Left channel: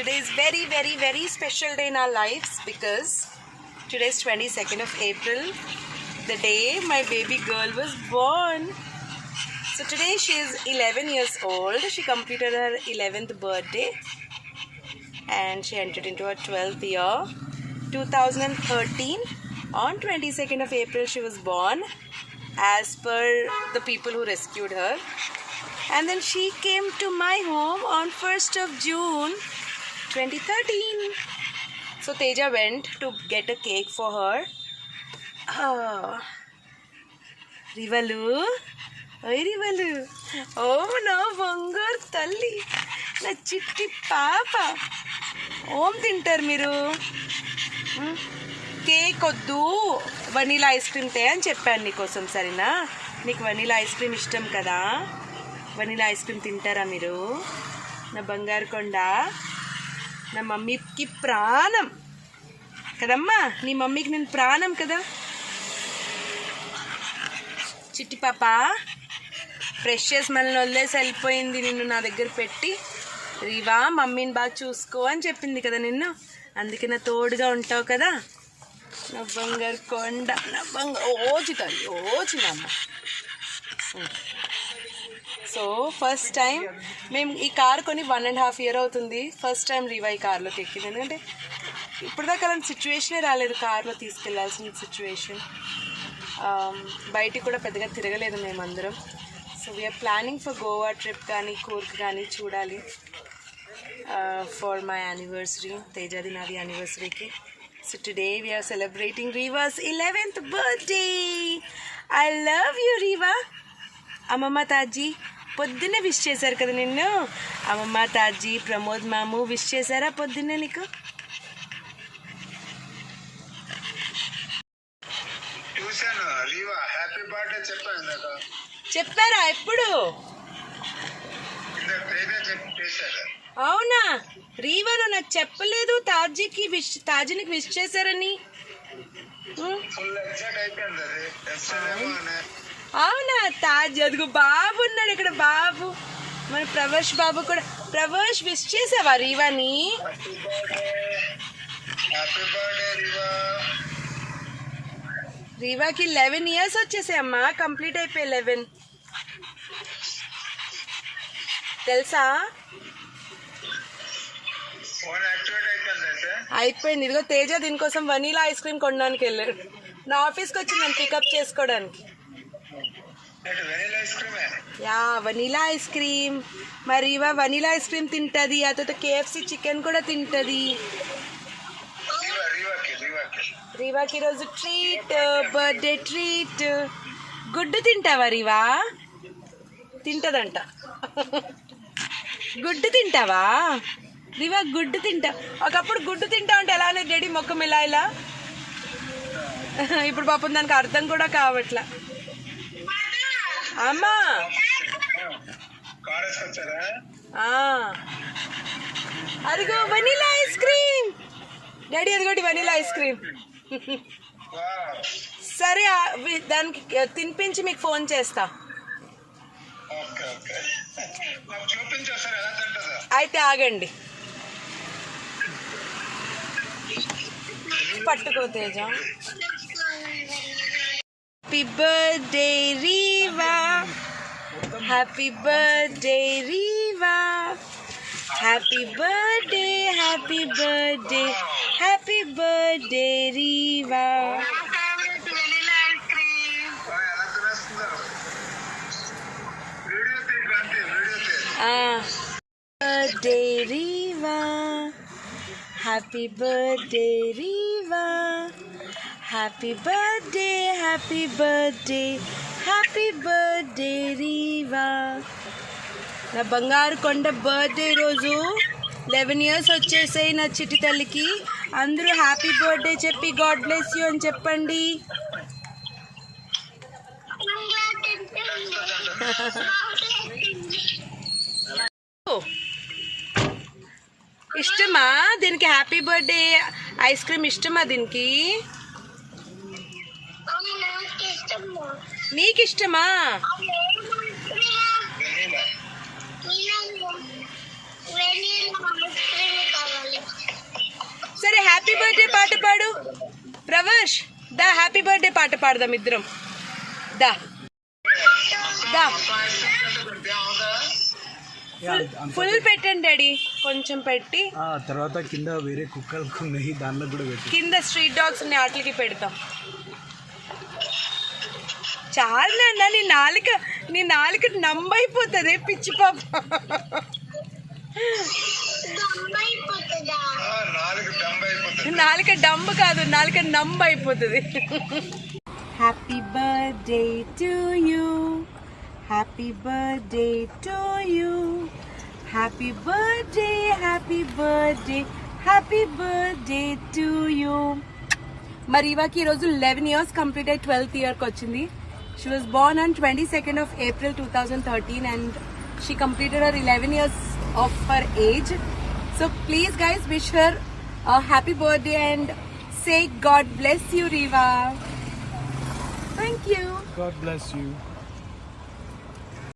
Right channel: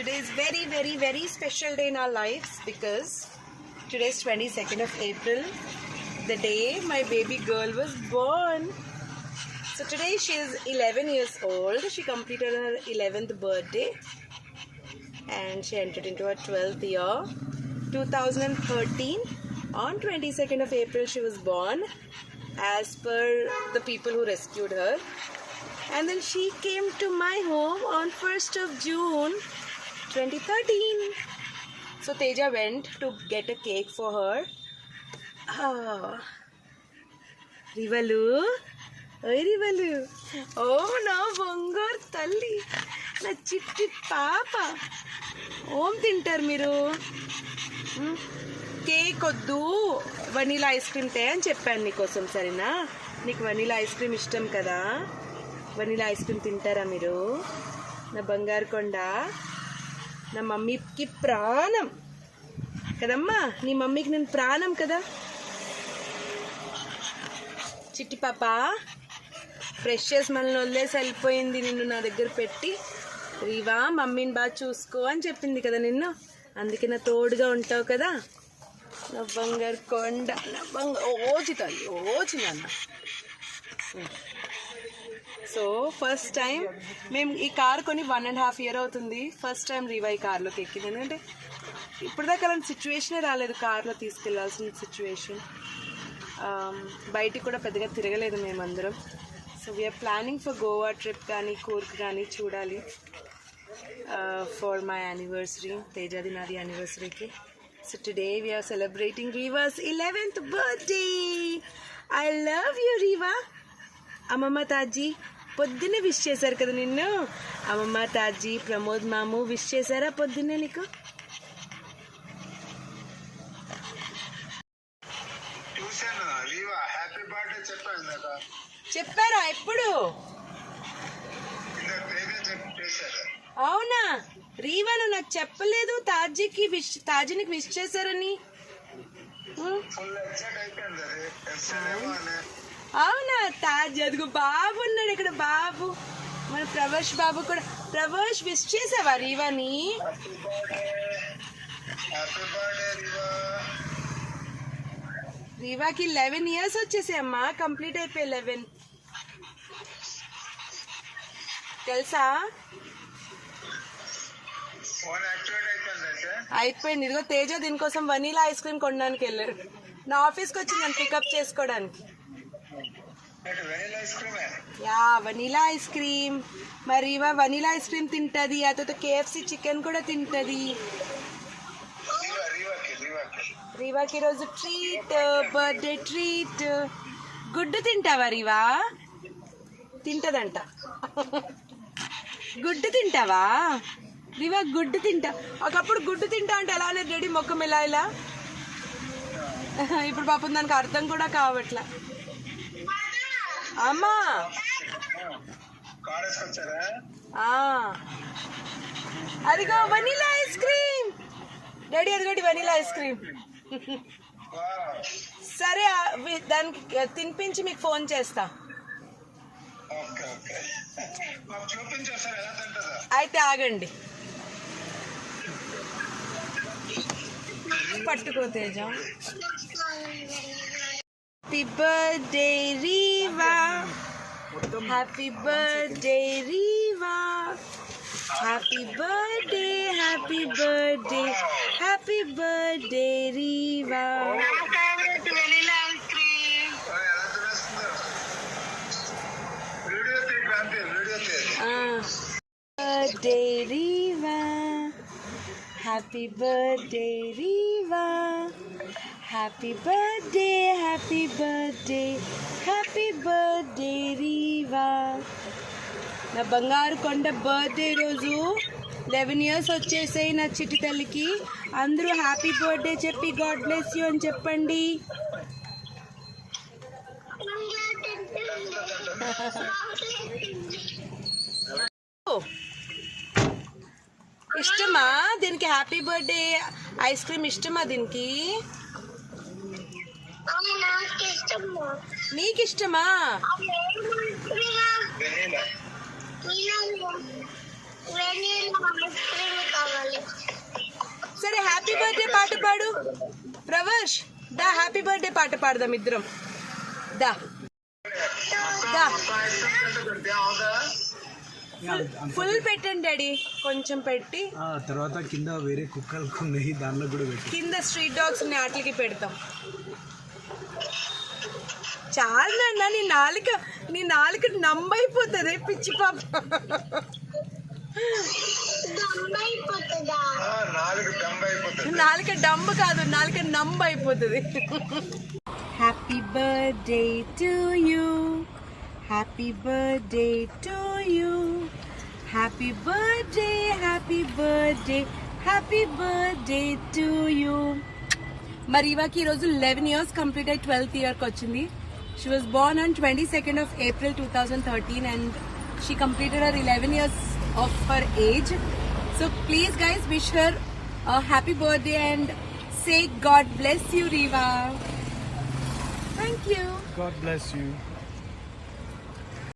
today is very special day in our lives because today is 22nd of April, the day my baby girl was born. So today she is 11 years old. She completed her 11th birthday and she entered into her 12th year. 2013 on 22nd of April she was born as per the people who rescued her. And then she came to my home on 1st of June 2013. So Teja went to get a cake for her. Rivalu, oi Rivalu, oh na bangar talli, na chitti papa. Om tintar miru. Cake వద్దు, vanilla ice cream తే అని చెప్పాను నీకోసం. సరేనా? నీకు vanilla ice cream ఇష్టం కదా, vanilla ice cream తింటారా మీరు? నా బంగారు కొండ, నా మమ్మీకి ప్రాణం కదమ్మా, నీ మమ్మీకి నేను ప్రాణం కదా. చిట్టి పాప ఫ్రెష్ చేసి మనల్ని వదిలేసి వెళ్ళిపోయింది, నిన్ను నా దగ్గర పెట్టి. రీవా మమ్మీని బాగా చూసుకో అని చెప్పింది కదా నిన్ను, అందుకే నా తోడుగా ఉంటావు కదా. నా బంగారు కొండ, నా ఓచి తల్లి, ఓచి నాన్న. సో ఫస్ట్ టైం మేము ఈ కార్ కొని 1.5 years అవుతుంది. ఫస్ట్ టైం రీవా ఈ కార్లోకి ఎక్కింది, ఎందుకంటే ఇప్పటిదాకా అలాంటి సిచ్యువేషనే రాలేదు, కార్లో తీసుకెళ్లాల్సిన సిచ్యువేషన్. బయటికి కూడా పెద్దగా తిరగలేదు మేమందరం. So we're planning for Goa trip కానీ కూర్గ్ కానీ చూడాలి ఫర్ మై యానివర్సరీ, తేజాది నాది యానివర్సరీకి. So today we are celebrating Riva's 11th birthday. I love you Riva. అమ్మమ్మ తాజీ పొద్దున్నే విష్ చేశారు కదా నిన్ను. అమ్మమ్మ తాజీ ప్రమోద్ మాము విష్ చేశారా పొద్దున్నే నీకు? చెప్పారా ఎప్పుడు? అవునా? రీవాను నాకు చెప్పలేదు తాజీనికి విష్ చేశారని. అవునా? తాజీ అదిగో బాబు ఉన్నాడు ఇక్కడ, బాబు మన ప్రవేశ్ బాబు కూడా. ప్రవేశ్ విష్ చేసావా రీవాని? రీవాకి 11 years వచ్చేసాయమ్మా, కంప్లీట్ అయిపోయి 11 తెలుసా? అయిపోయింది. ఇదిగో తేజ దీనికోసం వనీలా ఐస్ క్రీమ్ కొనడానికి వెళ్ళాడు, నా ఆఫీస్కి వచ్చి నన్ను పికప్ చేసుకోవడానికి. Yeah vanilla ice cream. మరి ఇవా వనీలా ఐస్ క్రీమ్ తింటుంది, ఆ తర్వాత KFC చికెన్ కూడా తింటుంది. రీవాకి ఈరోజు ట్రీట్, బర్త్డే ట్రీట్. గుడ్డు తింటావా రీవా? తింటదంట. గుడ్డు తింటావా రీవా? గుడ్డు తింటా. ఒకప్పుడు గుడ్డు తింటా అంటే ఎలానే డాడీ మొక్కం ఇలా, ఇప్పుడు పాపం దానికి అర్థం కూడా కావట్లా. అమ్మా అదిగో వనీలా ఐస్ క్రీమ్ డాడీ, అదిగోటి వనీలా ఐస్ క్రీమ్. సరే దానికి తినిపించి మీకు ఫోన్ చేస్తా. అయితే ఆగండి, పట్టుకో Teja. Happy birthday Riva, happy birthday Riva, happy birthday, happy birthday, happy birthday Riva. Birthday Riva, happy birthday Riva, happy birthday, happy birthday, happy birthday Riva. నా బంగారు కొండ బర్త్డే రోజు 11 years వచ్చేసాయి నా చిట్టి తల్లికి. అందరూ హ్యాపీ బర్త్డే చెప్పి గాడ్ బ్లెస్ యూ అని చెప్పండి. ఇష్టమా దీనికి హ్యాపీ బర్త్డే ఐస్ క్రీమ్? ఇష్టమా దీనికి? నీకు ఇష్టమా? హ్యాపీ బర్త్డే పాట పాడు ప్రవేష్. దా హ్యాపీ బర్త్డే పాట పాడదాం ఇద్దరం. దా దా ఫుల్ పెట్టండి డాడీ, కొంచెం పెట్టి తర్వాత కింద వేరే కుక్కలు ఉన్నాయి, దానిలో కూడా పెట్టి కింద స్ట్రీట్ డాగ్స్ ఉన్నాయి, వాటికి పెడతాం. చాలు నాన్న, నీ నాలుక నంబైపోతుంది పిచ్చి పాప. నాలుక డంబ్ కాదు, నాలుక నంబ్ అయిపోతుంది. Happy birthday to you, happy birthday to you, happy birthday, happy birthday, happy birthday to you. మరి ఇవాకి ఈరోజు 11 years కంప్లీట్ అయ్యి 12th yearకి వచ్చింది. She was born on 22nd of April 2013 and she completed her 11 years of her age. So please guys wish her a happy birthday and say God bless you Riva. Thank you. God bless you.